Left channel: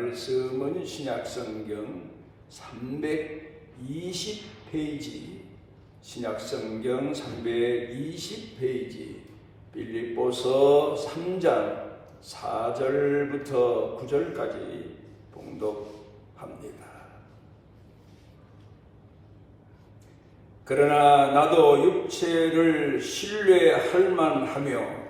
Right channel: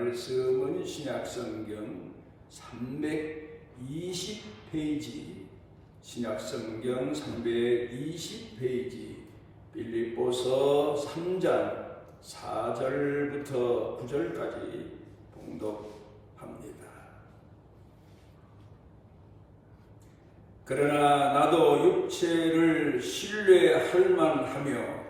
말씀은 신약성경 320페이지, 신약성경 320페이지, 빌립보서 3장 4절부터 9절까지 봉독합니다. 그러나 나도 육체를 신뢰할 만하며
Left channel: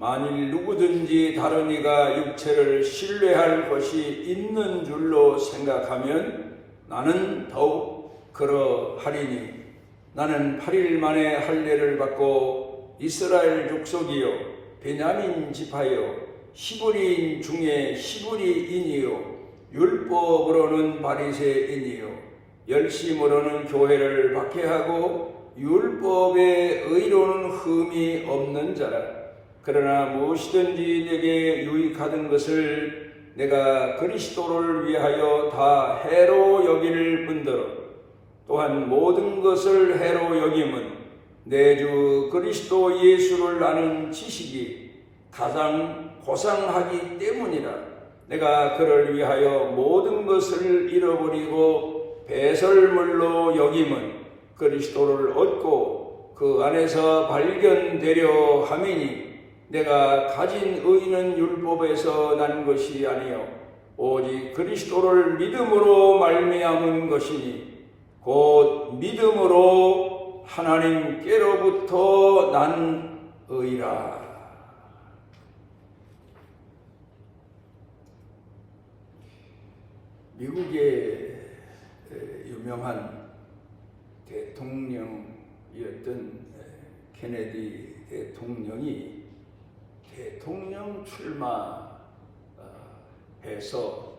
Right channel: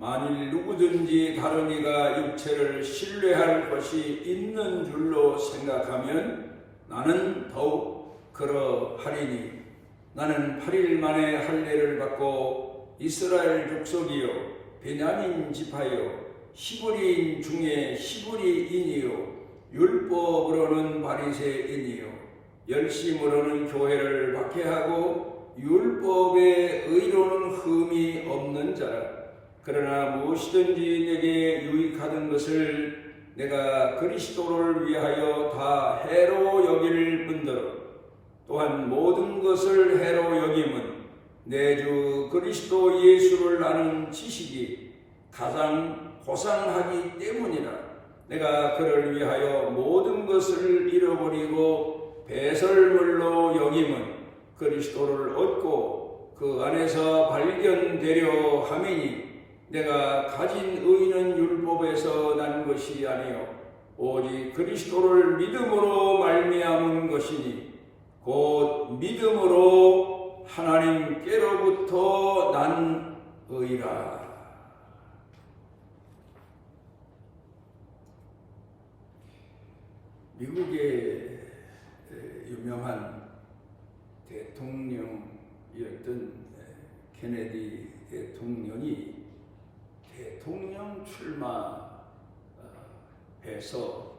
만일 누구든지 다른 이가 육체를 신뢰할 것이 있는 줄로 생각하면 나는 더욱 그러하리니 나는 8일 만에 할례를 받고 이스라엘 족속이요 베냐민 지파요 히브리인 중에 히브리인이요 율법으로는 바리새인이요 열심으로는 교회를 박해하고 율법의 의로는 흠이 없는 자라. 그러나 무엇이든지 내게 유익하던 것을 내가 그리스도를 위하여 다 해로 여길 뿐더러 또한 모든 것을 해로 여김은 내 주 그리스도 예수를 아는 지식이 가장 고상하기 때문이라. 내가 그를 위하여 모든 것을 잃어버리고 배설물로 여김은 그리스도를 얻고 그 안에서 발견되려 함이니 내가 가진 의는 율법에서 난 것이 아니요 오직 그리스도를 믿음으로 말미암은 것이니 곧 믿음으로 하나님께로부터 난 의라. 미국의 유명한 대통령이었던 케네디 대통령이 대통령 출마해서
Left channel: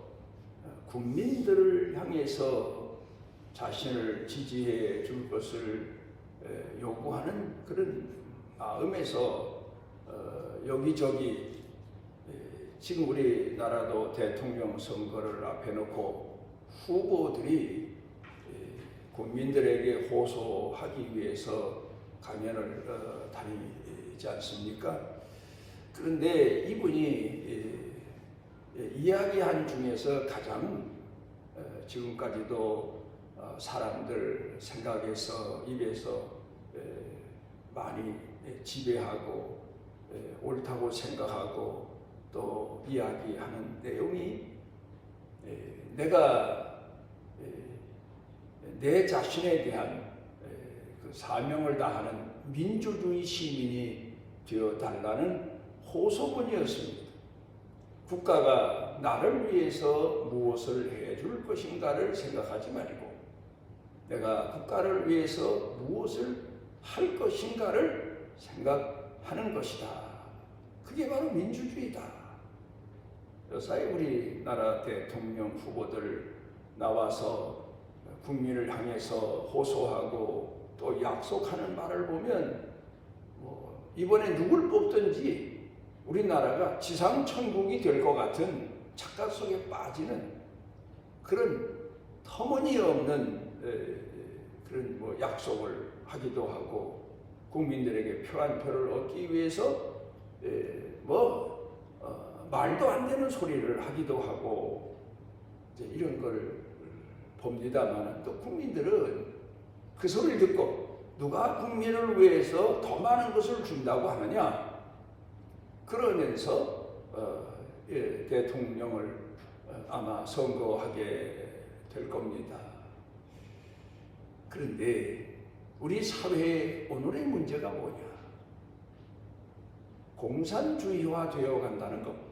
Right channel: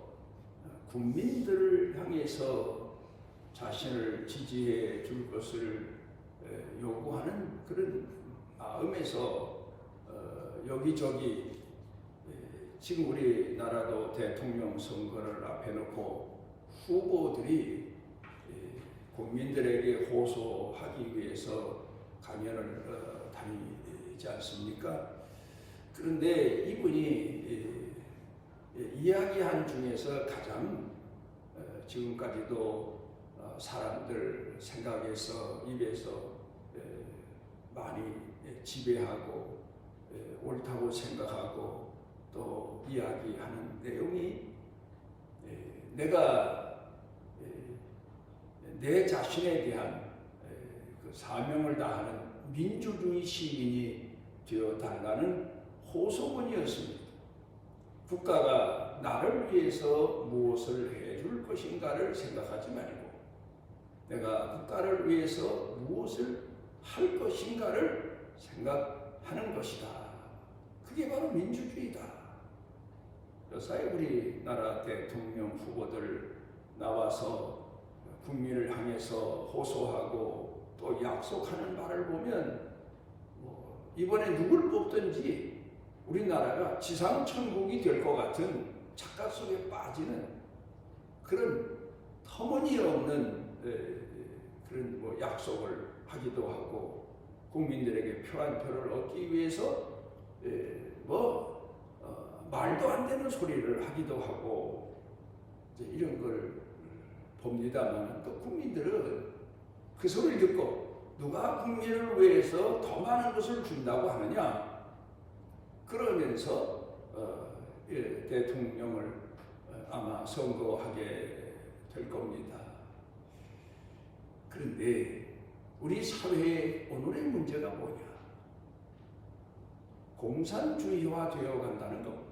국민들을 향해서 자신을 지지해 줄 것을 요구하는 그런 마음에서 여기저기 지금 우리나라도 대통령 선거를 앞에 놓고 후보들이 국민들에게 호소하기 위해서 강연을 다니지 않습니까? 그런데 이분이 이야기한 중에서 가장 지금까지도 사람들 생각에서 입에서 많이 지배하고 옳다고 생각하고 또 이야기하는 내용이 내가 내 자신에 대한 그 사명을 다하는 민주주의 시민이 되어달라는 호소문이었습니다. 국가가 나를 위해서 무엇을 해줄 것인가를 생각하지 말고 내가 국가를 위해서 무엇을 할 것인가를 생각하는 것이다. 그게 바로 민주주의다. 요사이 우리나라 대통령 후보들 나와서 국민을 향해서 호소하고 또 약속하는 말을 보면 이번에 누굴 뽑든지 우리나라가 지상천국이 될 것 같은 착각 속에 빠지는 그런 터무니없는 그런 약속을 하기도 하고 국민들에게 표 한 표를 얻기 위해서 말도 안 되는 소리를 하기도 하고 이런 걸 봅니다만 또 국민들은 그 소리를 듣고 누가 국민을 위해서 더 많은 것을 준다고 하느냐 그러면서 대통령을 아마 선거하게 될 겁니다. 그런데 우리 사회의 오늘의 문제가 뭐냐? 공산주의화 되어 간다는 겁니다.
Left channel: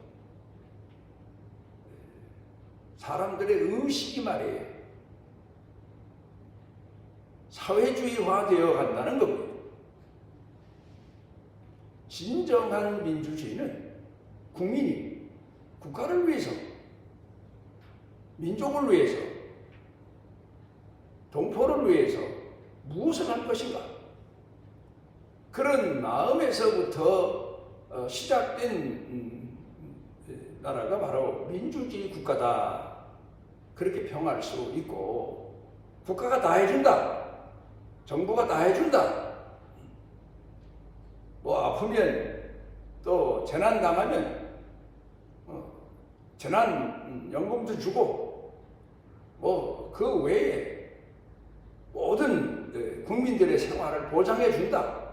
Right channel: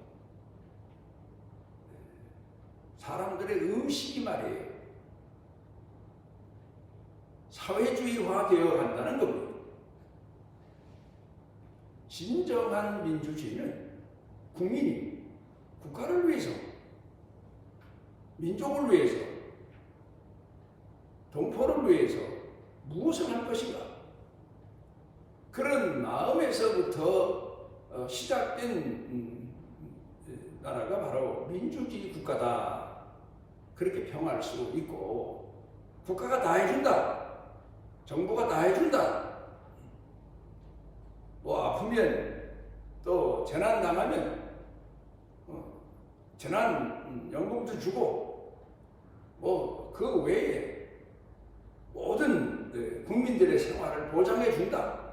사람들의 의식이 말이에요. 사회주의화 되어 간다는 겁니다. 진정한 민주주의는 국민이 국가를 위해서, 민족을 위해서, 동포를 위해서 무엇을 할 것인가? 그런 마음에서부터 시작된 나라가 바로 민주주의 국가다. 그렇게 평할 수 있고 국가가 다 해준다. 정부가 다 해준다. 아프면 또 재난 당하면 재난 연금도 주고 뭐 그 외에 모든 국민들의 생활을 보장해 준다.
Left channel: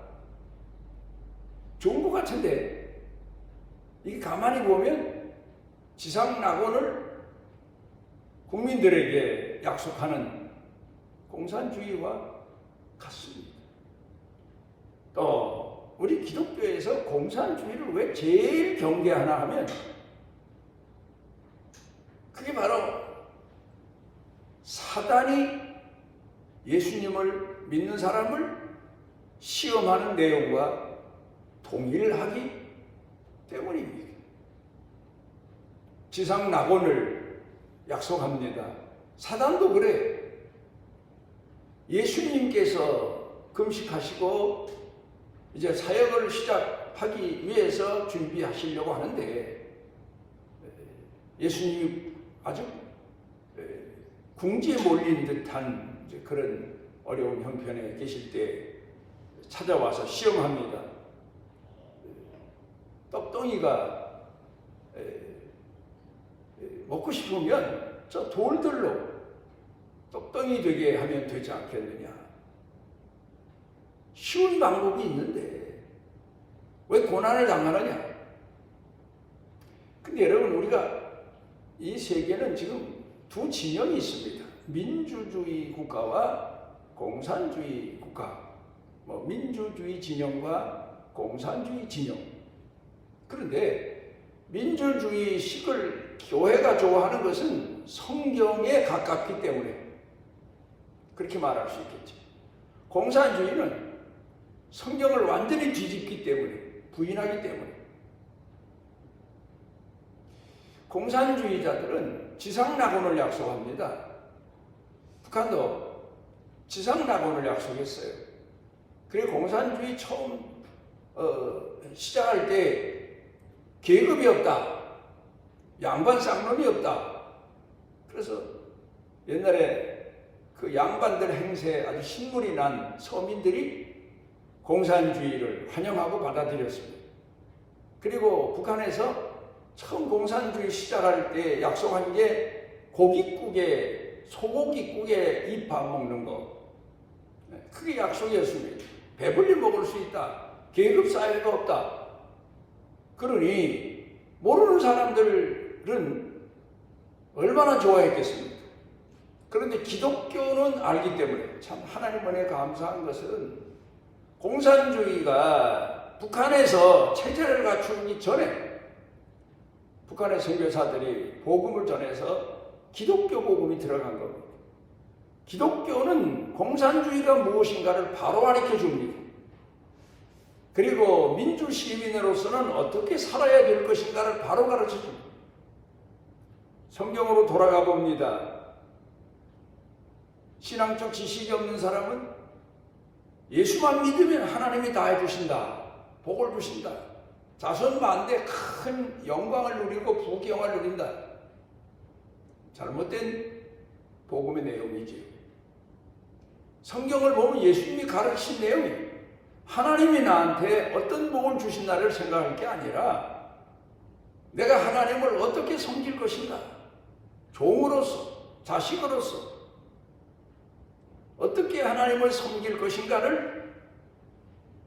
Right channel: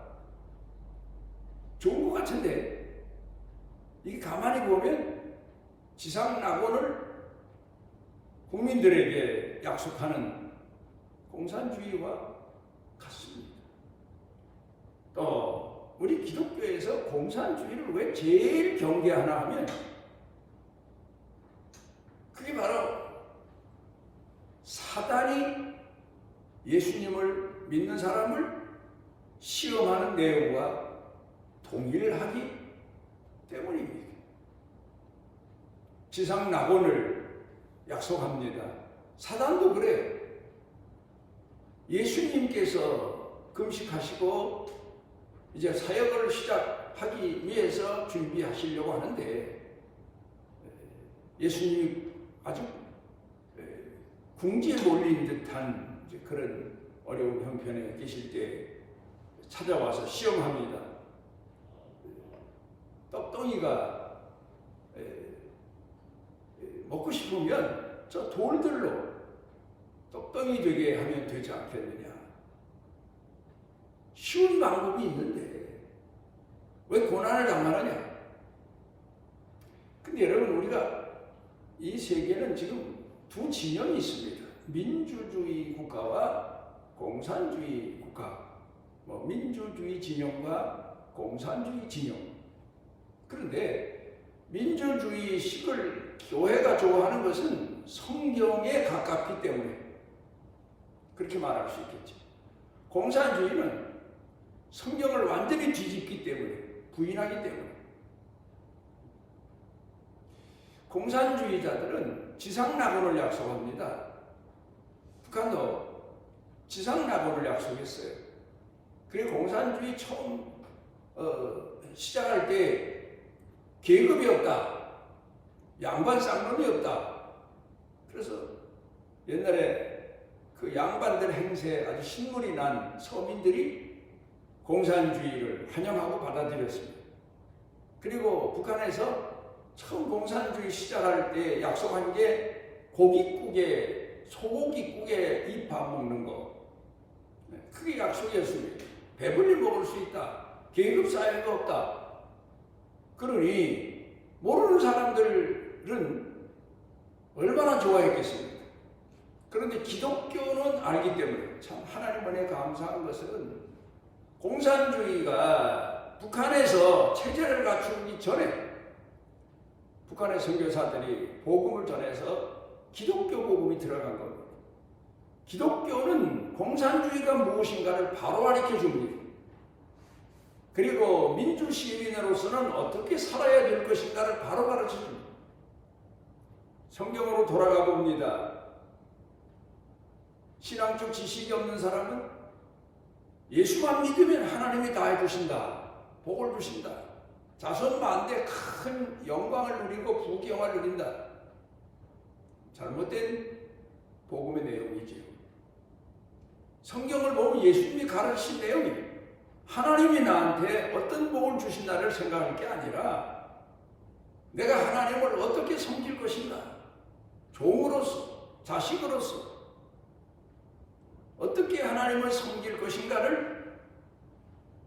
좋은 것 같은데 이게 가만히 보면 지상 낙원을 국민들에게 약속하는 공산주의와 같습니다. 또 우리 기독교에서 공산주의를 왜 제일 경계하나 하면 그게 바로 사단이 예수님을 믿는 사람을 시험하는 내용과 동일하기 때문입니다. 지상 낙원을 약속합니다. 사단도 그래요. 예수님께서 금식하시고 이제 사역을 시작하기 위해서 준비하시려고 하는데 예수님이 아주 궁지에 몰린 듯한 그런 어려운 형편에 계실 때 찾아와서 시험합니다. 떡덩이가 먹고 싶으면 저 돌들로 떡덩이 되게 하면 되지 않겠느냐. 쉬운 방법이 있는데 왜 고난을 당하느냐. 근데 여러분 우리가 이 세계는 지금 두 진영이 있습니다. 민주주의 국가와 공산주의 국가, 민주주의 진영과 공산주의 진영. 그런데 민주주의식을 교회가 좋아하는 것은 성경에 가깝기 때문에 그렇게 말할 수 있겠죠. 공산주의는 성경을 완전히 뒤집기 때문에, 부인하기 때문에. 공산주의자들은 지상낙원을 약속합니다. 북한도 지상낙원을 약속했어요. 그리고 공산주의 처음 시작할 때 계급이 없다. 양반 쌍놈이 없다. 그래서 옛날에 그 양반들 행세에 아주 신물이 난 서민들이 공산주의를 환영하고 받아들였습니다. 그리고 북한에서 처음 공산주의 시작할 때 약속한 게 고깃국에, 소고기국에 입밥 먹는 거. 그게 약속이었습니다. 배불리 먹을 수 있다. 계급사회가 없다. 그러니 모르는 사람들은 얼마나 좋아했겠습니까? 그런데 기독교는 알기 때문에 참 하나님 은혜에 감사한 것은 공산주의가 북한에서 체제를 갖추기 전에 북한의 선교사들이 복음을 전해서 기독교 복음이 들어간 겁니다. 기독교는 공산주의가 무엇인가를 바로 가르쳐 줍니다. 그리고 민주시민으로서는 어떻게 살아야 될 것인가를 바로 가르쳐 줍니다. 성경으로 돌아가 봅니다. 신앙적 지식이 없는 사람은 예수만 믿으면 하나님이 다 해주신다. 복을 주신다. 자손만대 큰 영광을 누리고 부귀영화를 누린다. 잘못된 복음의 내용이죠. 성경을 보면 예수님이 가르친 내용이 하나님이 나한테 어떤 복을 주신다를 생각할 게 아니라 내가 하나님을 어떻게 섬길 것인가, 종으로서, 자식으로서 어떻게 하나님을 섬길 것인가를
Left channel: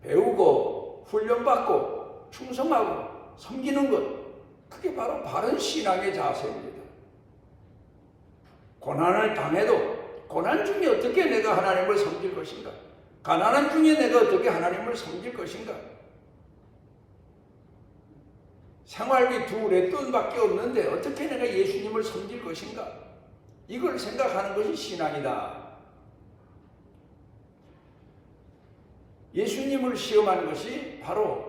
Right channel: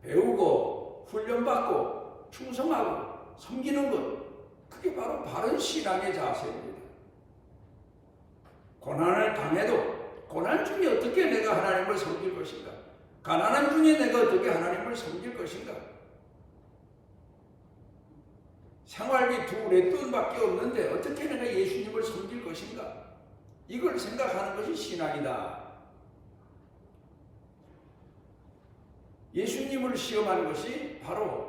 배우고 훈련받고 충성하고 섬기는 것, 그게 바로 바른 신앙의 자세입니다. 고난을 당해도 고난 중에 어떻게 내가 하나님을 섬길 것인가, 가난한 중에 내가 어떻게 하나님을 섬길 것인가, 생활비 두 렛돈밖에 없는데 어떻게 내가 예수님을 섬길 것인가, 이걸 생각하는 것이 신앙이다. 예수님을 시험하는 것이 바로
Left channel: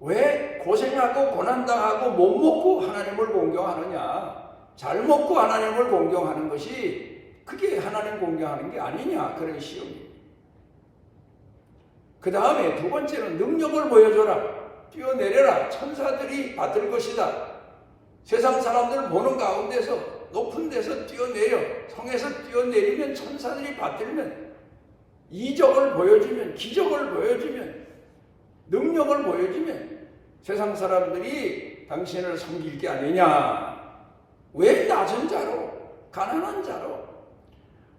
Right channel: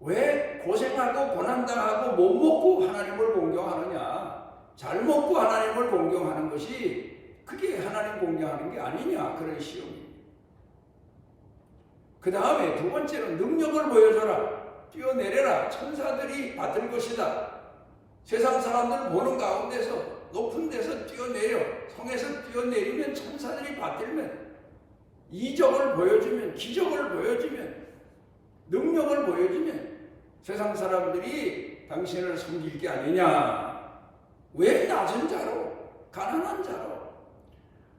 왜 고생하고 고난당하고 못 먹고 하나님을 공경하느냐, 잘 먹고 하나님을 공경하는 것이 그게 하나님 공경하는 게 아니냐, 그런 시험입니다. 그 다음에 두 번째는 능력을 보여줘라, 뛰어내려라, 천사들이 받을 것이다. 세상 사람들 보는 가운데서 높은 데서 뛰어내려, 성에서 뛰어내리면 천사들이 받들면, 이적을 보여주면, 기적을 보여주면, 능력을 보여주면 세상 사람들이 당신을 섬길 게 아니냐, 왜 낮은 자로, 가난한 자로,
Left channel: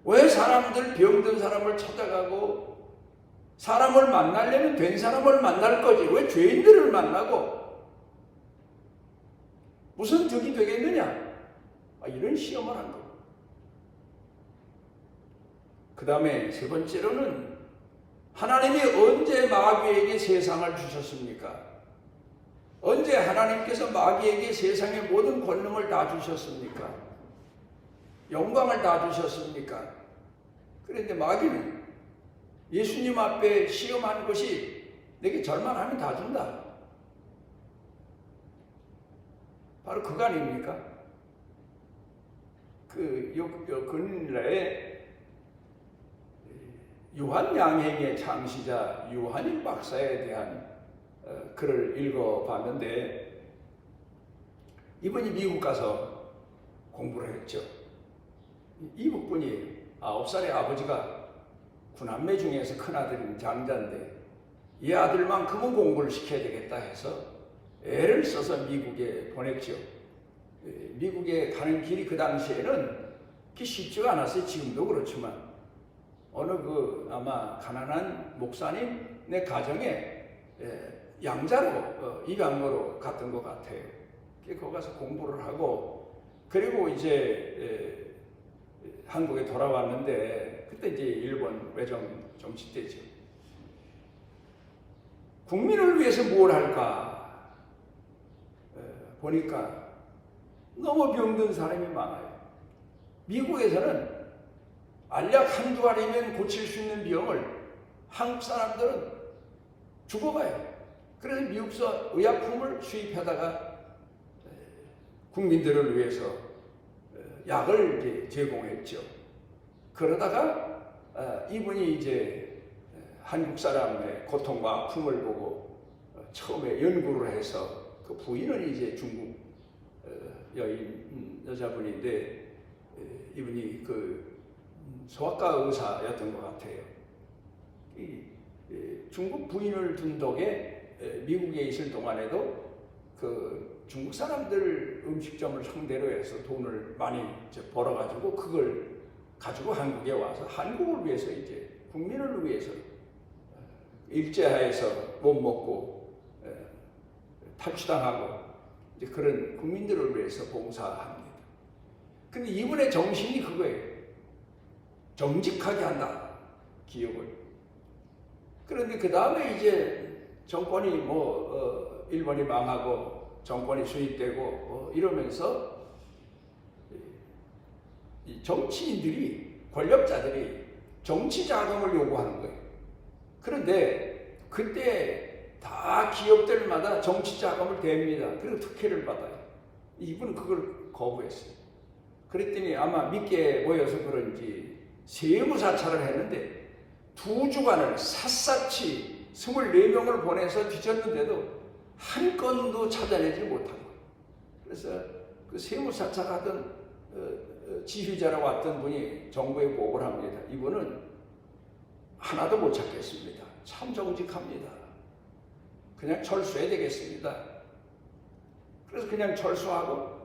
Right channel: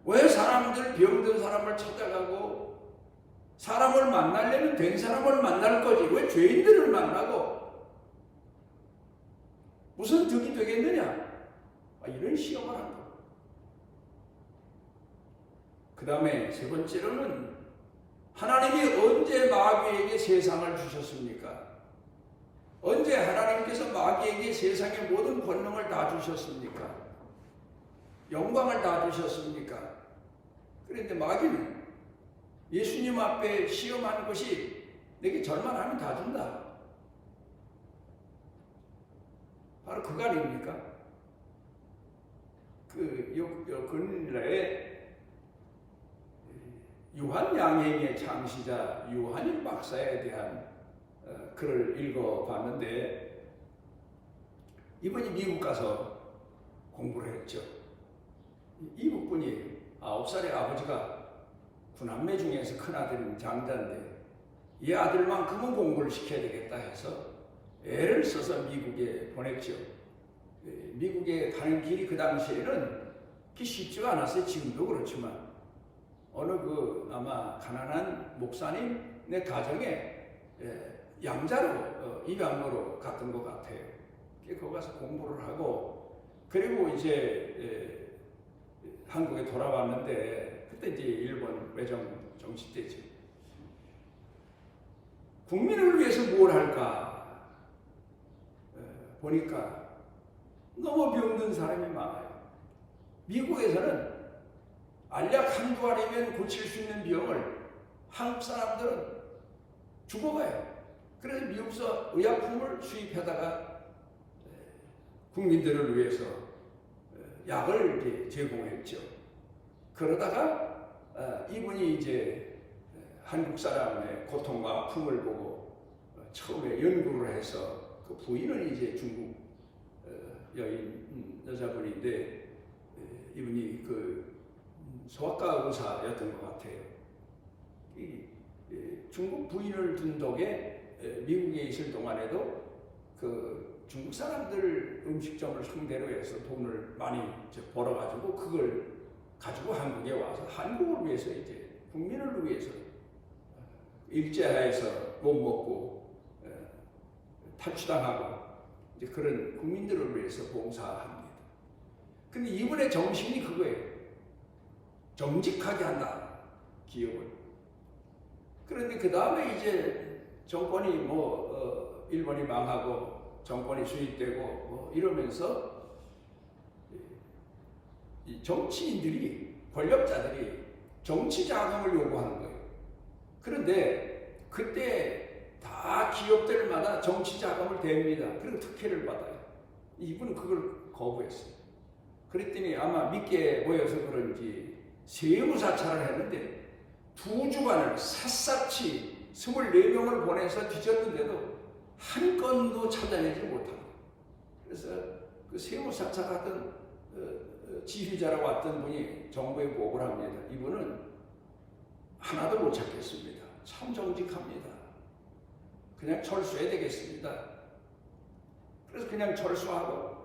왜 사람들, 병든 사람을 찾아가고 사람을 만나려면 된 사람을 만날 거지 왜 죄인들을 만나고 무슨 덕이 되겠느냐? 이런 시험을 한 거. 그 다음에 세 번째로는 하나님이 언제 마귀에게 세상을 주셨습니까? 언제 하나님께서 마귀에게 세상의 모든 권능을 다 주셨습니까? 영광을 다 주셨습니까? 그런데 마귀는 예수님 앞에 시험한 것이 내게 절만하면 다 준다. 바로 그거 아닙니까? 근래에 요한 양행의 창시자 요한일 박사에 대한 글을 읽어봤는데 이분이 미국 가서 공부를 했죠. 이북분이 9살의 아버지가 구남매 중에서 큰아들인 장자인데 이 아들만큼은 공부를 시켜야 되겠다 해서 애를 써서 미국에 보냈죠. 미국에 가는 길이 그 당시에는 쉽지가 않았어요. 지금도 그렇지만 어느 아마 가난한 목사님의 가정에 양자로 입양으로 갔던 것 같아요. 거기 가서 공부를 하고 그리고 이제 한국에 돌아왔는데 그때 이제 일본 외정 정치 때죠. 국민을 위해서 뭘 할까 보니까 너무 병든 사람이 많아요. 미국에서는 알약 한두 알이면 고칠 수 있는 병을 한국 사람들은 죽어가요. 그래서 미국서 의약품을 수입하다가 국민들을 위해서 약을 제공했죠. 그러다가 이분이 이제 한국 사람의 고통과 아픔을 보고 처음에 연구를 해서 그 부인은 이제 중국 여자분인데 이분이 소아과 의사였던 것 같아요. 중국 부인을 둔 덕에 미국에 있을 동안에도 중국 사람들 음식점을 상대로 해서 돈을 많이 벌어가지고 그걸 가지고 한국에 와서 한국을 위해서 이제 국민을 위해서 일제하에서 못 먹고 탈취당하고 이제 그런 국민들을 위해서 봉사합니다. 근데 이분의 정신이 그거예요. 정직하게 한다. 기업을. 그런데 그 다음에 이제 정권이 일본이 망하고 정권이 수립되고 이러면서 이 정치인들이 권력자들이 정치 자금을 요구하는 거예요. 그런데 그때 다 기업들마다 정치 자금을 댑니다. 그리고 특혜를 받아요. 이분은 그걸 거부했어요. 그랬더니 아마 믿게 모여서 그런지 세무사찰을 했는데 2주간을 샅샅이 24명을 보내서 뒤졌는데도 한 건도 찾아내지 못한 거예요. 그래서 그 세무사찰하던 지휘자라고 왔던 분이 정부에 보고를 합니다. 이분은 하나도 못 찾겠습니다. 참 정직합니다. 그냥 철수해야 되겠습니다. 그래서 그냥 철수하고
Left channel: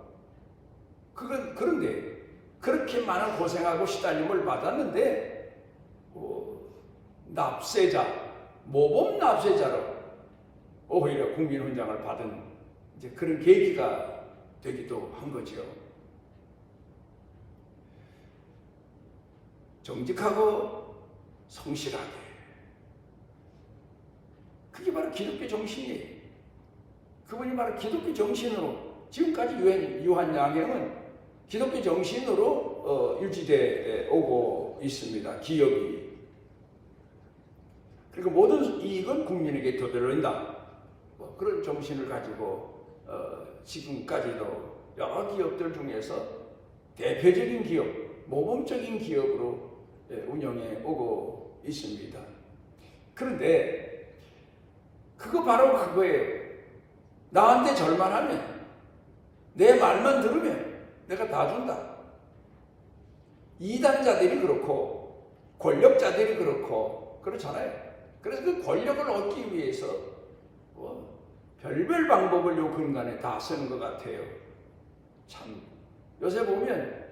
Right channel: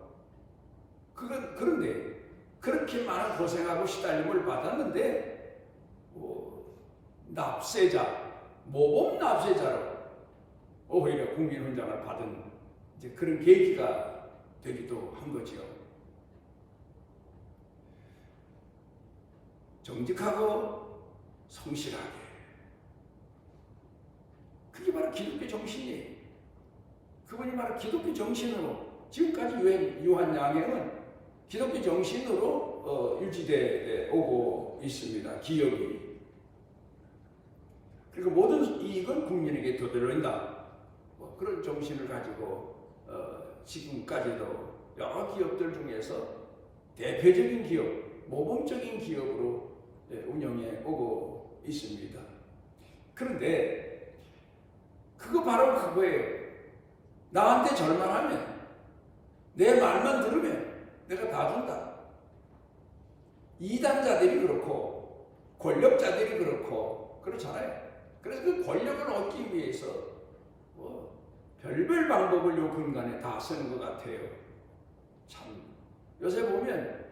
그런데 그렇게 많은 고생하고 시달림을 받았는데 납세자, 모범 납세자로 오히려 국민훈장을 받은 이제 그런 계기가 되기도 한 거죠. 정직하고 성실하게. 그게 바로 기독교 정신이에요. 그분이 바로 기독교 정신으로 지금까지 요한 양행은 기독교 정신으로 유지되어 오고 있습니다. 기업이. 그리고 모든 이익은 국민에게 되돌린다. 그런 정신을 가지고 지금까지도 여러 기업들 중에서 대표적인 기업, 모범적인 기업으로 운영해 오고 있습니다. 그런데 그거 바로 그거예요. 나한테 절만하면 내 말만 들으면 내가 다 준다. 이단자들이 그렇고 권력자들이 그렇고 그렇잖아요. 그래서 그 권력을 얻기 위해서 별별 방법을 요 근간에 다 쓰는 것 같아요. 참 요새 보면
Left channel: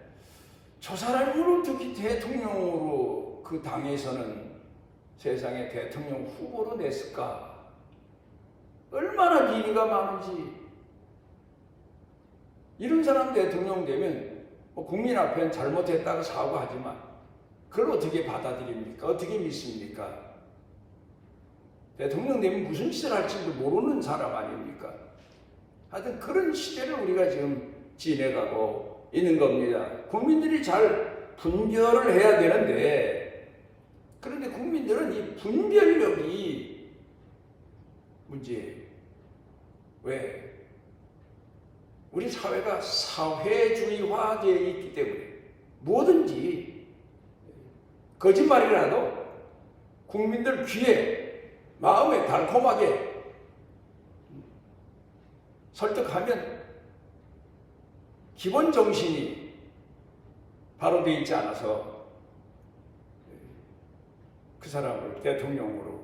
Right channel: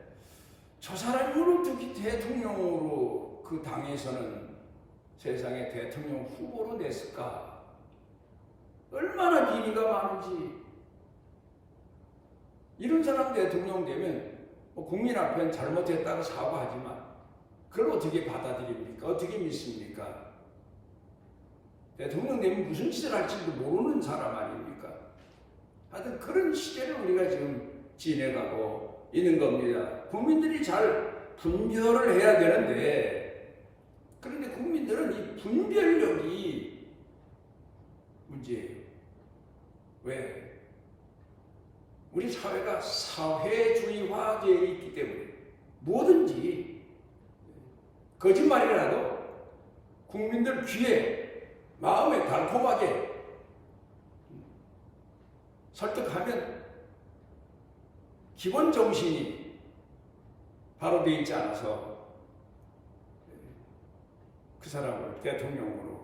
저 사람으로 특히 대통령으로 그 당에서는 세상에 대통령 후보로 냈을까? 얼마나 비리가 많은지. 이런 사람 대통령 되면 국민 앞엔 잘못했다고 사과하지만 그걸 어떻게 받아들입니까? 어떻게 믿습니까? 대통령 되면 무슨 짓을 할지도 모르는 사람 아닙니까? 하여튼 그런 시대를 우리가 지금 지내가고 있는 겁니다. 국민들이 잘 분별을 해야 되는데, 그런데 국민들은 이 분별력이 문제예요. 왜? 우리 사회가 사회주의화되어 있기 때문에 뭐든지 거짓말이라도 국민들 귀에 마음에 달콤하게 설득하면 기본 정신이 바로 되어 있지 않아서 그 사람을 대통령으로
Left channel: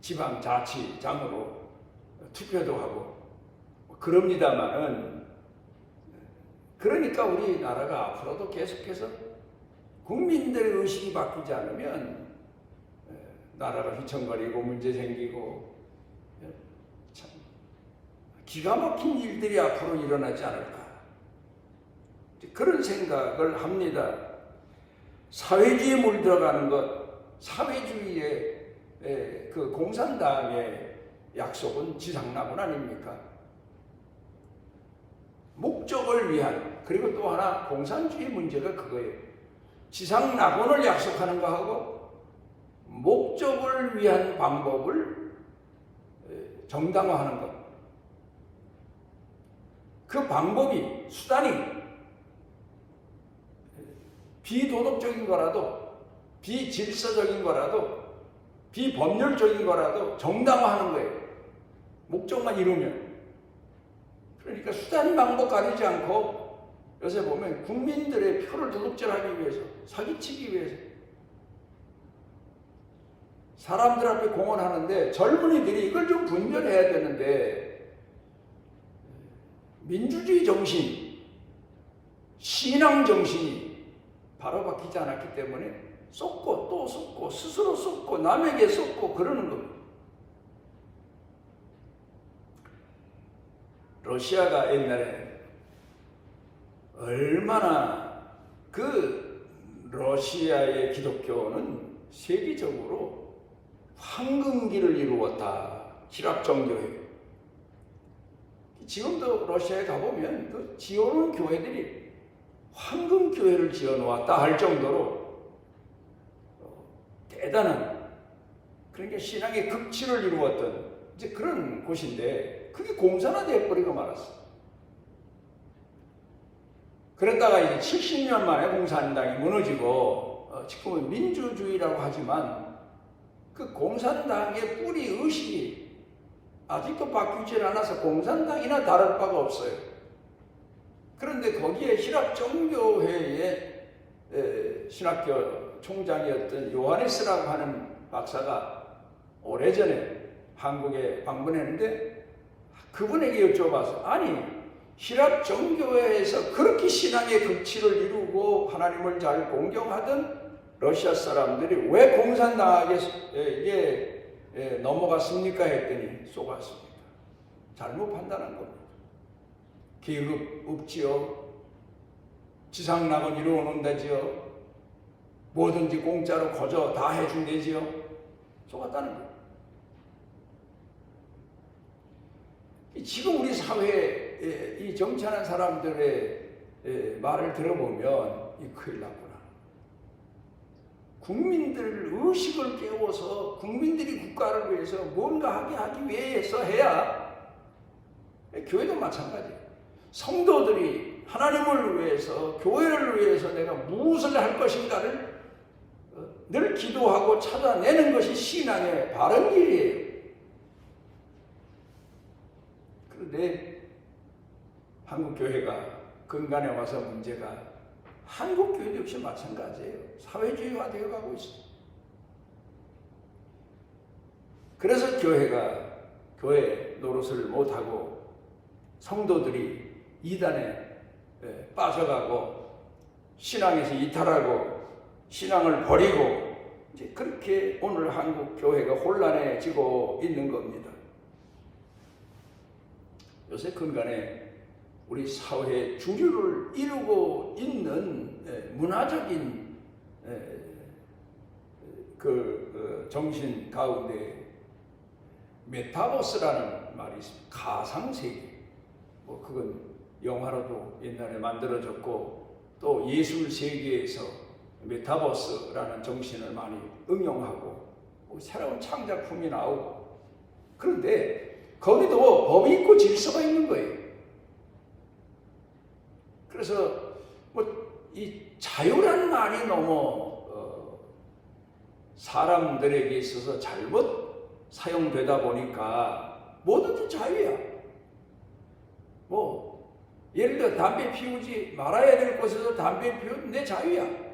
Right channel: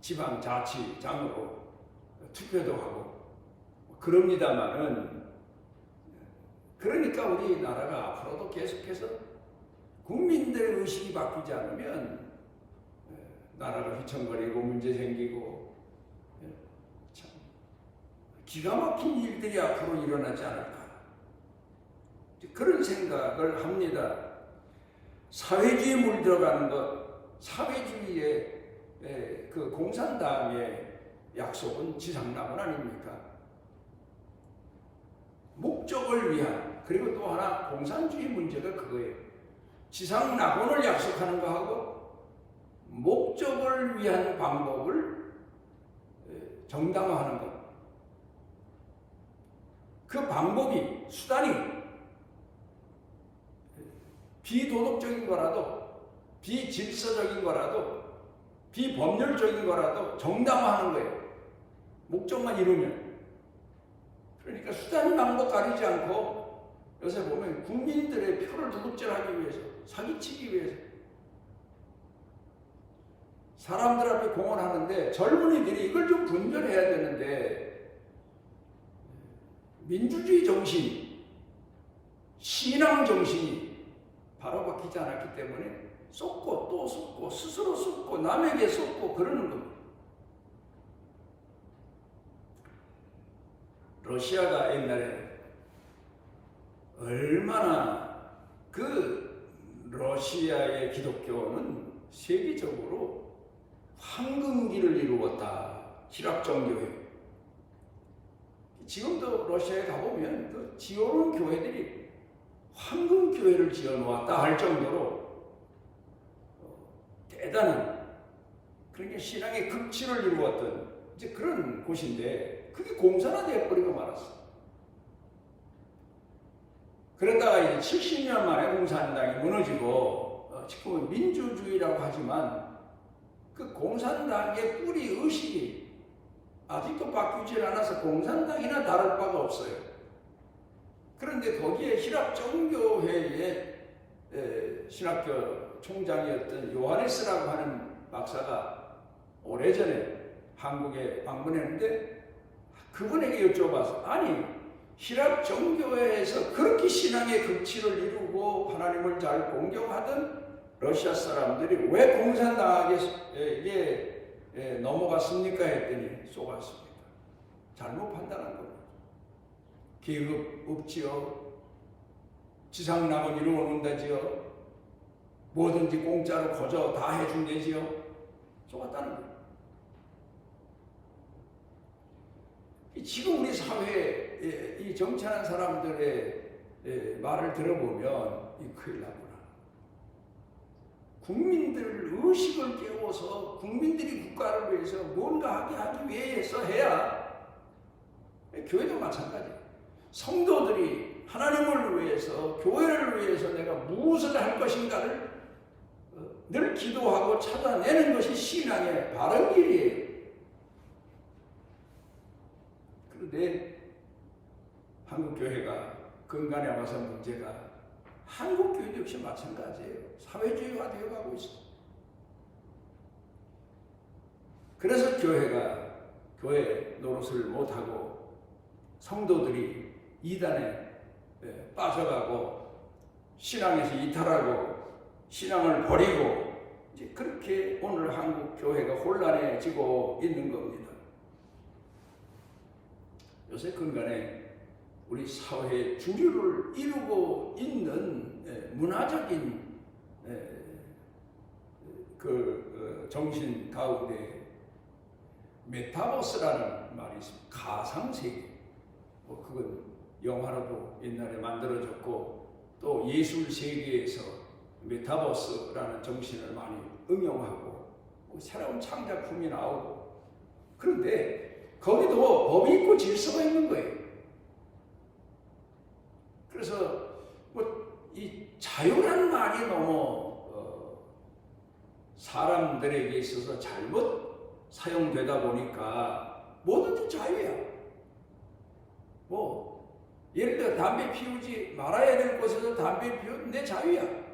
지방자치장으로 투표도 하고 그럽니다마는, 그러니까 우리나라가 앞으로도 계속해서 국민들의 의식이 바뀌지 않으면 나라가 휘청거리고 문제 생기고 참 기가 막힌 일들이 앞으로 일어나지 않을까, 그런 생각을 합니다. 사회주의에 물들어가는 것, 사회주의의 그 공산당의 약속은 지상낙원 아닙니까? 목적을 위한, 그리고 또 하나 공산주의 문제가 그거예요. 지상낙원을 약속하는 거하고 목적을 위한 방법을 정당화하는 것. 그 방법이, 수단이 비도덕적인 거라도, 비질서적인 거라도, 비법률적인 거라도 정당화하는 거예요. 목적만 이루면. 그러니까 수단 방법 가리지 않고 요새 보면 국민들의 표를 도둑질하기 위해서, 사기치기 위해서 사람들 앞에 공헌하는데, 젊은이들이 이걸 좀 분별해야 되는데, 민주주의 정신, 신앙 정신이 바로 바뀌지 않았기 때문에 쏟고 또 쏟고 스스로 쏟고 남에게 쏟고 그러는 겁니다. 러시아가 옛날에 얼마나, 그 러시아의 기독교는 세계적으로 황금기를 이루었다. 기랍정교회. 지금도 러시아에 가보면 그 지어놓은 교회들이 황금교회를 지어놓았다 할 정도로 대단한, 그러니까 신앙의 극치를 이루었던 이제 그런 곳인데, 그게 공산화되어 버리고 말았어. 그러다가 이제 70년 만에 공산당이 무너지고 지금은 민주주의라고 하지만 그 공산당의 뿌리 의식이 아직도 바뀌질 않아서 공산당이나 다를 바가 없어요. 그런데 거기에 히랍정교회의 신학교 총장이었던 요하네스라고 하는 박사가 오래전에 한국에 방문했는데, 그분에게 여쭤봤어. 아니, 히랍정교회에서 그렇게 신앙의 극치를 이루고 하나님을 잘 공경하던 러시아 사람들이 왜 공산당에게 넘어갔습니까? 했더니 속았습니다. 잘못 판단한 겁니다. 계급 없지요. 지상낙원 이루어놓는다지요. 뭐든지 공짜로 거저 다 해준대지요. 속았다는 거예요. 지금 우리 사회에 이 정치하는 사람들의 말을 들어보면 이 큰일 나구나. 국민들 의식을 깨워서 국민들이 국가를 위해서 뭔가 하기 위해서 해야, 교회도 마찬가지예요. 성도들이 하나님을 위해서, 교회를 위해서 내가 무엇을 할 것인가를 늘 기도하고 찾아내는 것이 신앙의 바른 길이에요. 그런데 한국교회가 근간에 와서 문제가, 한국교회도 역시 마찬가지예요. 사회주의화 되어 가고 있어요. 그래서 교회가 교회 노릇을 못하고 성도들이 이단에 빠져가고 신앙에서 이탈하고 신앙을 버리고 이제 그렇게 오늘 한국 교회가 혼란해지고 있는 겁니다. 요새 근간에 우리 사회의 주류를 이루고 있는 문화적인 정신 가운데 메타버스라는 말이 있습니다. 가상세계. 그건 영화로도 옛날에 만들어졌고 또 예술 세계에서 메타버스라는 정신을 많이 응용하고 새로운 창작품이 나오고, 그런데 거기도 법이 있고 질서가 있는 거예요. 그래서 이 자유라는 말이 너무 사람들에게 있어서 잘못 사용되다 보니까 뭐든지 자유야. 예를 들어 담배 피우지 말아야 될 곳에서 담배 피우면 내 자유야.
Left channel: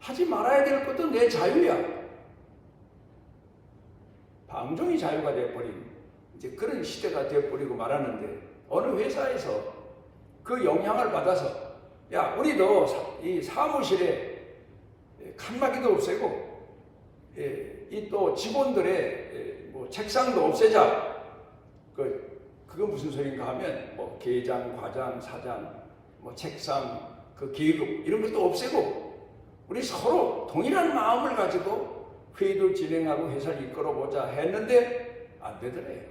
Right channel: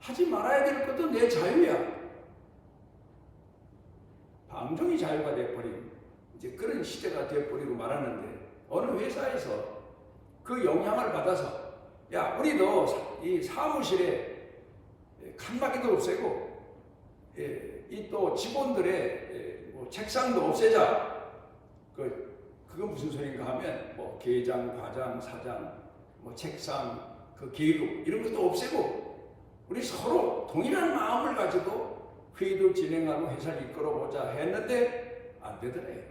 하지 말아야 될 것도 내 자유야. 방종이 자유가 되어버린 이제 그런 시대가 되어버리고 말하는데, 어느 회사에서 그 영향을 받아서 야, 우리도 이 사무실에 칸막이도 없애고 이 또 직원들의 책상도 없애자. 그건 무슨 소린가 하면 계장, 과장, 사장, 책상, 계급 이런 것도 없애고 우리 서로 동일한 마음을 가지고 회의도 진행하고 회사를 이끌어보자 했는데 안 되더래요.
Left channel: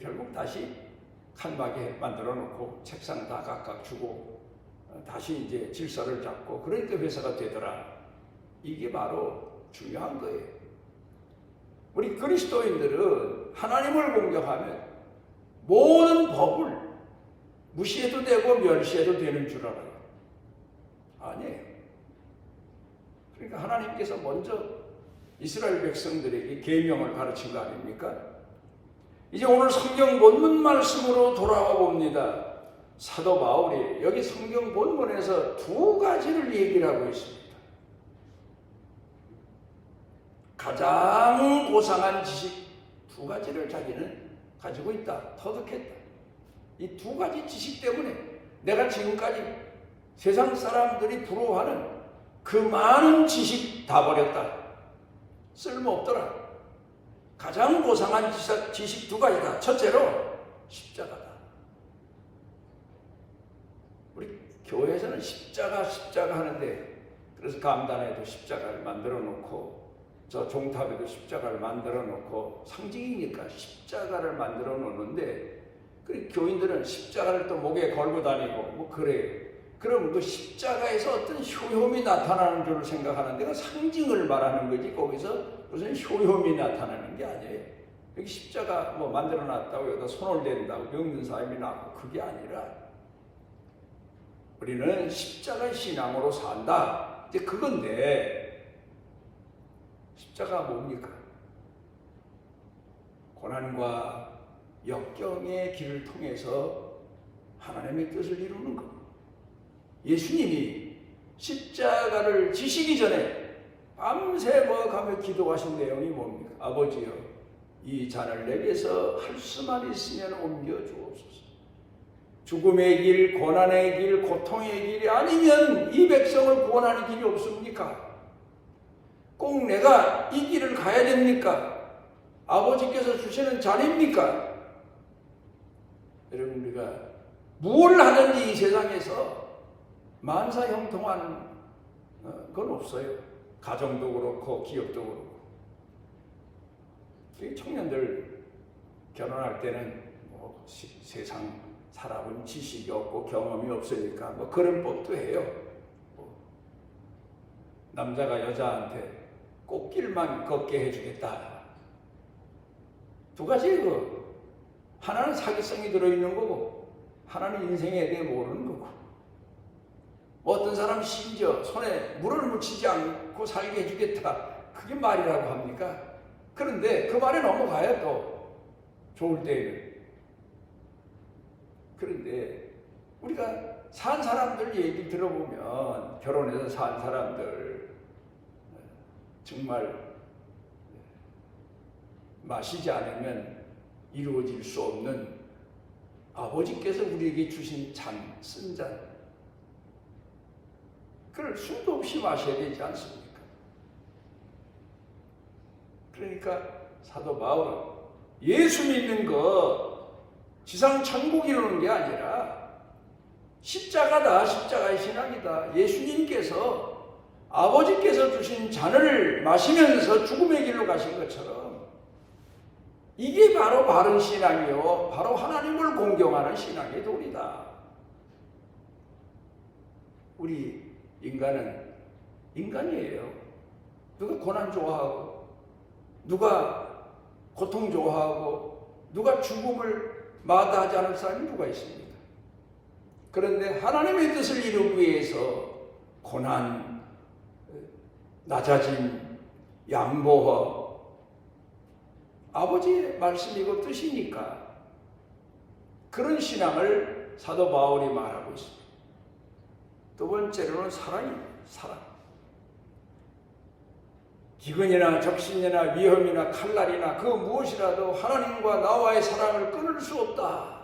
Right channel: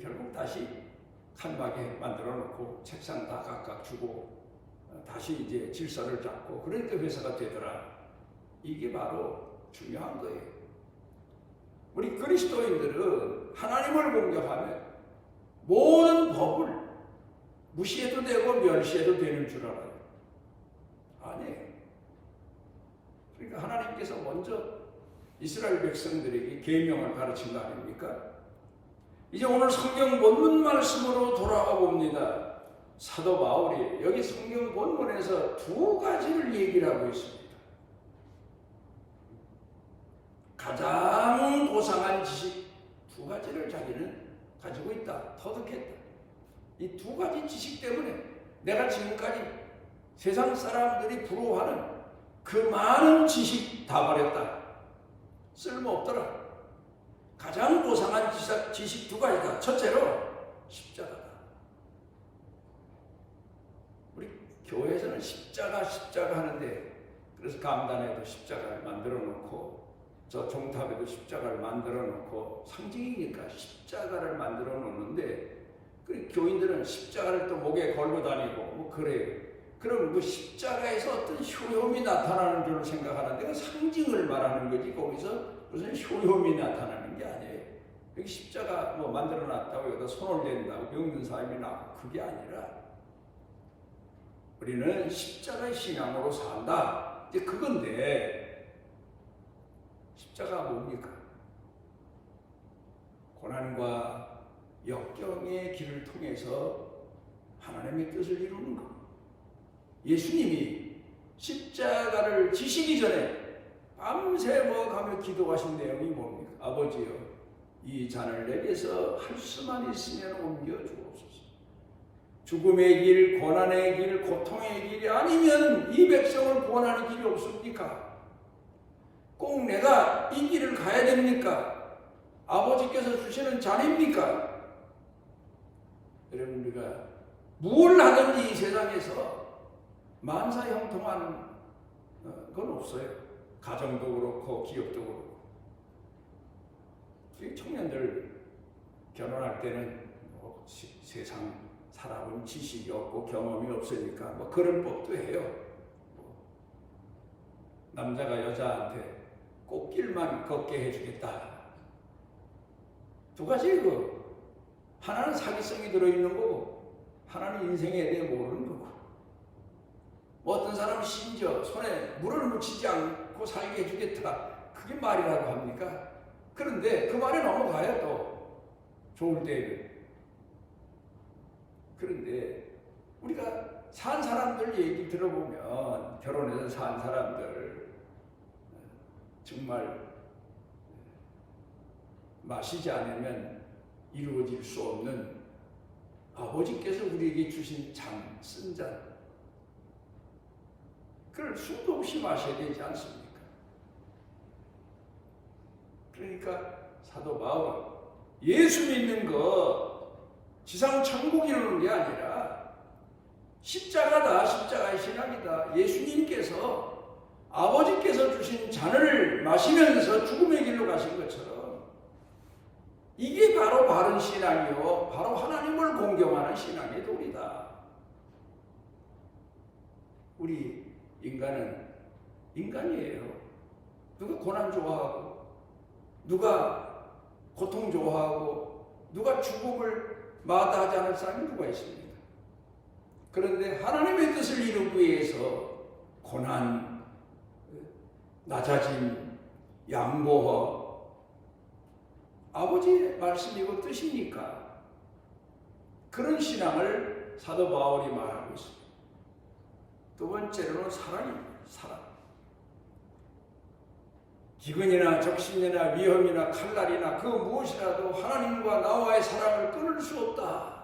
결국 다시 칸막이 만들어 놓고 책상 다 각각 주고 다시 이제 질서를 잡고 그러니까 회사가 되더라. 이게 바로 중요한 거예요. 우리 그리스도인들은 하나님을 공격하면 모든 법을 무시해도 되고 멸시해도 되는 줄 알아요. 아니에요. 그러니까 하나님께서 먼저 이스라엘 백성들에게 계명을 가르친 거 아닙니까? 이제 오늘 성경 본문 말씀으로 돌아와 봅니다. 사도 바울이 여기 성경 본문에서 두 가지를 얘기를 하고 있습니다. 가장 고상한 지식 두 가지를 자기는 가지고 있다. 터득했다. 이 두 가지 지식 때문에 내가 지금까지 세상 사람들이 부러워하는 그 많은 지식 다 버렸다. 쓸모없더라. 가장 고상한 지식 두 가지다. 첫째로 십자가다. 우리 교회에서는 십자가 하는데, 그래서 감단에도 십자가를 만들어 놓고 저 종탑에도 십자가를 만들어 놓고 상징이니까 십자가를 만들어 놓는데, 교인들은 십자가를 또 목에 걸고 다니고 그래요. 그럼 그 십자가에서 어떤 효험이 나타나는 줄 생각하는데 그 상징을 말하는 거지, 거기서 무슨 효험이 나타나는 게 아니에요. 여기 십자가 만들어 놨다고 여기다 손을 댄다고 병든 사람이 나고 그게 아니라 우리는 십자가의 신앙으로 산다. 이제 그건데, 십자가 뭡니까? 고난과 역경의 길을 통해서 하나님의 뜻을 이루는 것. 예수님이 십자가를 지시기 전에 밤새 가며 기도하신 내용이 뭡니까? 아버지여, 이 잔을 내게서 할 수만 있으면 옮겨 주옵소서. 죽음의 길, 고난의 길, 고통의 길이 아니면 이 백성을 구원하는 길이 없습니까? 꼭 내가 이 길을 가야 됩니까? 아버지께서 주시는 잔입니까? 여러분, 우리가 무엇을 하든지 이 세상에서 만사형통한 건 없어요. 가정도 그렇고 기업도 그렇고. 청년들 결혼할 때는 세상 살아본 지식이 없고 경험이 없으니까 그런 법도 해요. 남자가 여자한테 꽃길만 걷게 해주겠다. 두 가지 하나는 사기성이 들어있는 거고 하나는 인생에 대해 모르는 거고. 어떤 사람은 심지어 손에 물을 묻히지 않고 살게 해주겠다. 그게 말이라고 합니까? 그런데 그 말에 넘어가요. 또 좋을 때에는. 그런데 우리가 산 사람들 얘기 들어보면, 결혼해서 산 사람들 정말 마시지 않으면 이루어질 수 없는 아버지께서 우리에게 주신 잔, 쓴 잔, 그걸 술도 없이 마셔야 되지 않습니까? 그러니까 사도 바울은 예수 믿는 거 지상 천국 이루는 게 아니라 십자가다, 십자가의 신앙이다. 예수님께서 아버지께서 주신 잔을 마시면서 죽음의 길로 가신 것처럼 이게 바로 바른 신앙이요, 바로 하나님을 공경하는 신앙의 도리다. 우리 인간은 인간이에요. 누가 고난 좋아하고, 누가 고통 좋아하고, 누가 죽음을 마다하지 않을 사람이 누가 있습니까? 그런데 하나님의 뜻을 이루기 위해서 고난, 낮아짐, 양보와 아버지의 말씀이고 뜻이니까 그런 신앙을 사도 바울이 말하고 있습니다. 두 번째로는 사랑입니다. 사랑. 기근이나 적신이나 위험이나 칼날이나 그 무엇이라도 하나님과 나와의 사랑을 끊을 수 없다.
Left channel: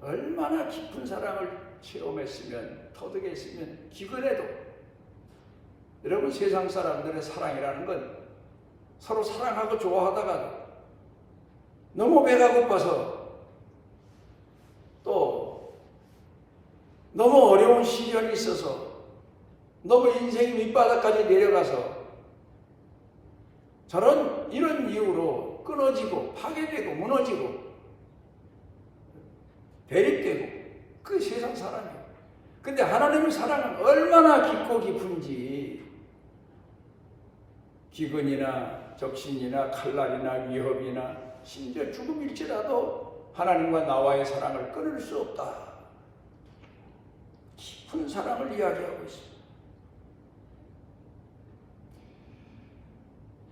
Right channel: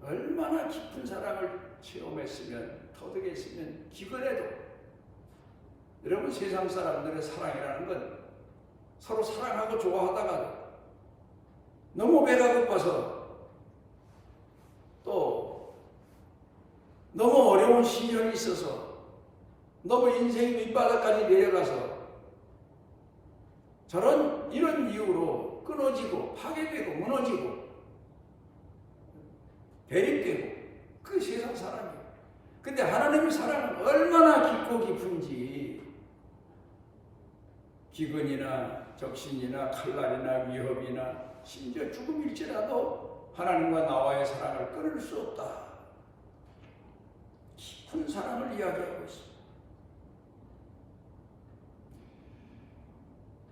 얼마나 깊은 사랑을 체험했으면, 터득했으면 기근해도. 여러분, 세상 사람들의 사랑이라는 건 서로 사랑하고 좋아하다가 너무 배가 고파서 또 너무 어려운 시련이 있어서 너무 인생이 밑바닥까지 내려가서 이런 이유로 끊어지고 파괴되고 무너지고 대립되고, 그게 세상 사람이에요. 근데 하나님의 사랑은 얼마나 깊고 깊은지, 기근이나 적신이나 칼날이나 위협이나 심지어 죽음일지라도 하나님과 나와의 사랑을 끊을 수 없다. 깊은 사랑을 이야기하고 있습니다.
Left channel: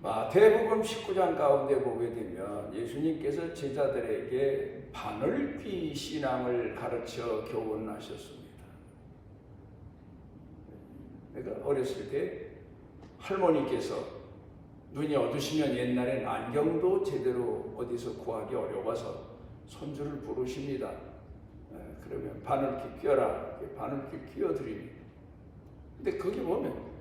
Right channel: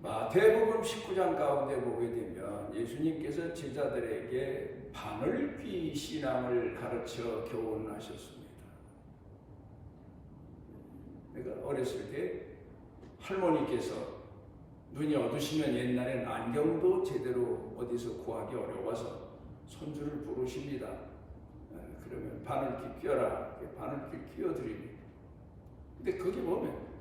마태복음 19장 가운데 보게 되면 예수님께서 제자들에게 바늘귀 신앙을 가르쳐 교훈하셨습니다. 내가 어렸을 때 할머니께서 눈이 어두시면 옛날엔 안경도 제대로 어디서 구하기 어려워서 손주를 부르십니다. 그러면 바늘귀 껴라. 바늘귀 끼워드립니다. 근데 거기 보면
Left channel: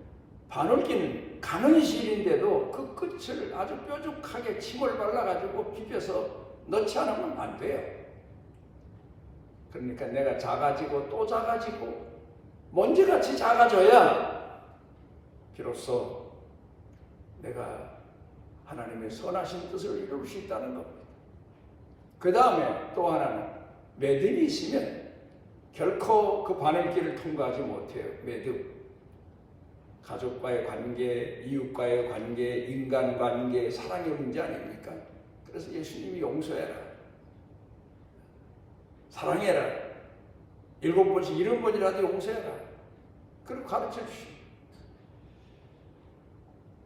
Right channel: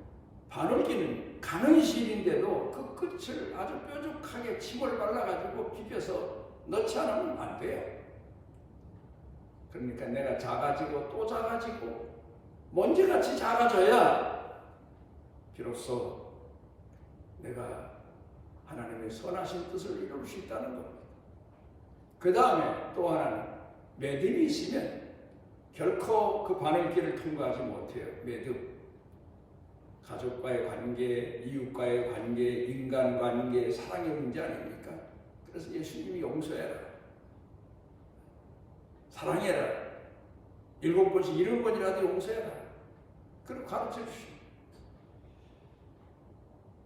바늘귀는 가능실인데도 그 끝을 아주 뾰족하게 침을 발라가지고 비벼서 넣지 않으면 안 돼요. 그러니까 내가 작아지고 또 작아지고 먼지같이 작아져야 비로소 내가 하나님의 선하신 뜻을 이룰 수 있다는 겁니다. 그 다음에 또 하나는 매듭이 있으면 결코 그 바늘길을 통과하지 못해요. 매듭. 가족과의 관계, 이웃과의 관계, 인간관계, 사랑의 문제 아닙니까? 그래서 예수님이 용서해라, 사랑해라, 7번씩 70번이라도 용서해라, 그렇게 가르쳐 주십니다.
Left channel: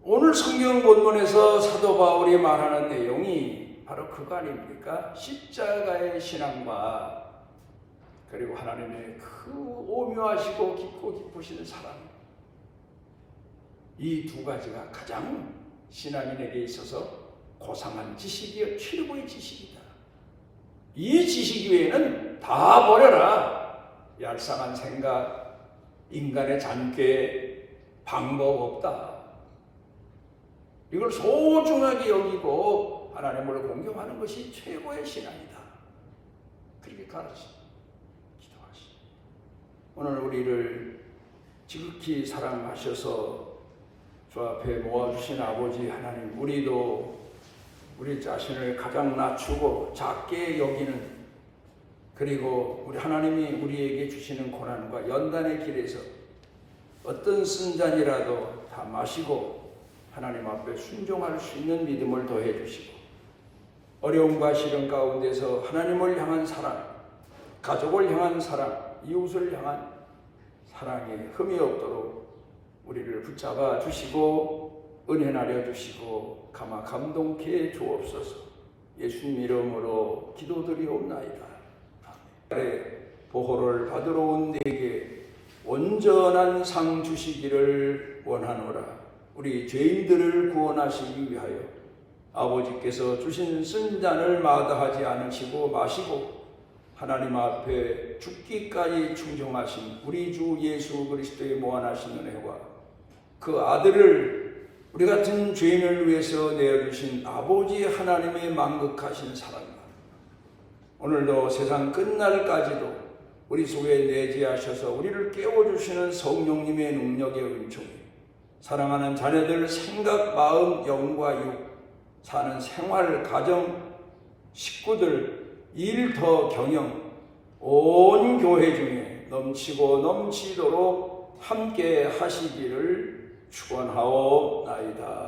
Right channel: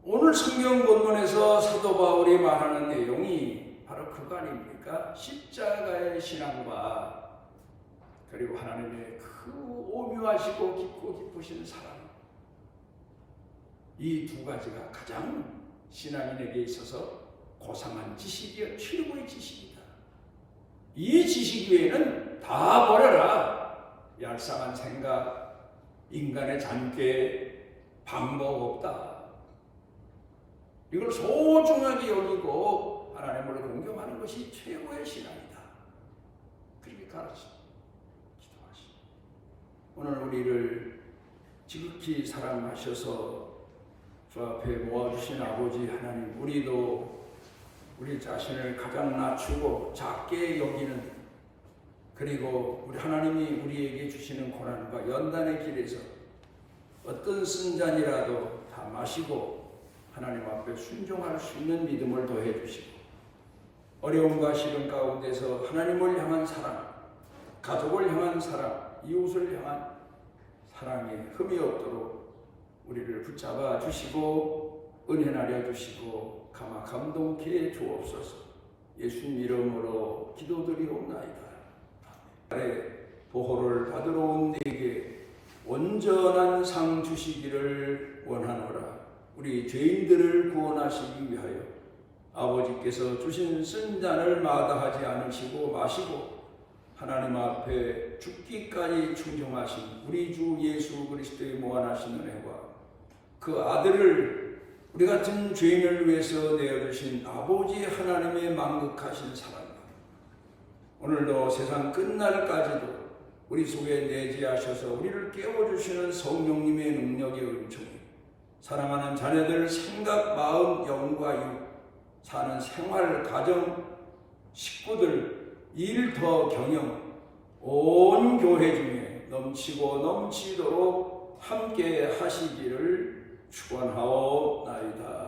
오늘 성경 본문에서 사도 바울이 말하는 내용이 바로 그거 아닙니까? 십자가의 신앙과 그리고 하나님의 그 오묘하시고 깊고 깊으신 사랑, 이 두 가지가 가장 신앙인에게 있어서 고상한 지식이요, 최고의 지식이다. 이 지식 외에는 다 버려라. 얄쌍한 생각, 인간의 잔꾀, 방법 없다. 이걸 소중하게 여기고 하나님을 공경하는 것이 최고의 신앙이다. 그렇게 가르쳐 기도하시. 오늘 우리를 지극히 사랑하셔서 주 앞에 모아주신 아버지 하나님, 우리도 우리 자신을 가장 낮추고 작게 여기는, 그리고 우리 하나님이 우리에게 주시는 고난과 연단의 길에서 어떤 쓴 잔이라도 다 마시고 하나님 앞에 순종할 수 있는 믿음을 더해 주시고, 어려움과 시련 가운데서 하나님을 향한 사랑, 가족을 향한 사랑, 이웃을 향한 사랑에 흠이 없도록 우리를 붙잡아 주시고 은혜 나려 주시고 가마 감동케 주옵소서. 예수님 이름으로 기도드리옵나이다. 아멘. 보호를 받으러 온 내게 온전한 상 주시기를 원하노라. 우리 죄인들을 구원하시기 위하여 아버지께서 주신 쓴잔을 마다하지 않으시고 마시고 하나님 앞에 죽기까지 충성하신 우리 주 예수 그리스도의 무한하신 은혜와 그 아들을 우리 같은 죄인을 위해서 내어주신 아버지 하나님의 만극하신 사랑과 오늘도 세상 끝날까지도 우리 속에 내재하셔서 우리를 깨워주시는 성령님의 능력의 은총이 사랑하는 자녀들 생각, 마음, 영과 육 사는 생활, 가정, 식구들, 일, 더, 경영 온 교회 중에 넘치고 넘치도록 함께 하시기를 축원하옵나이다.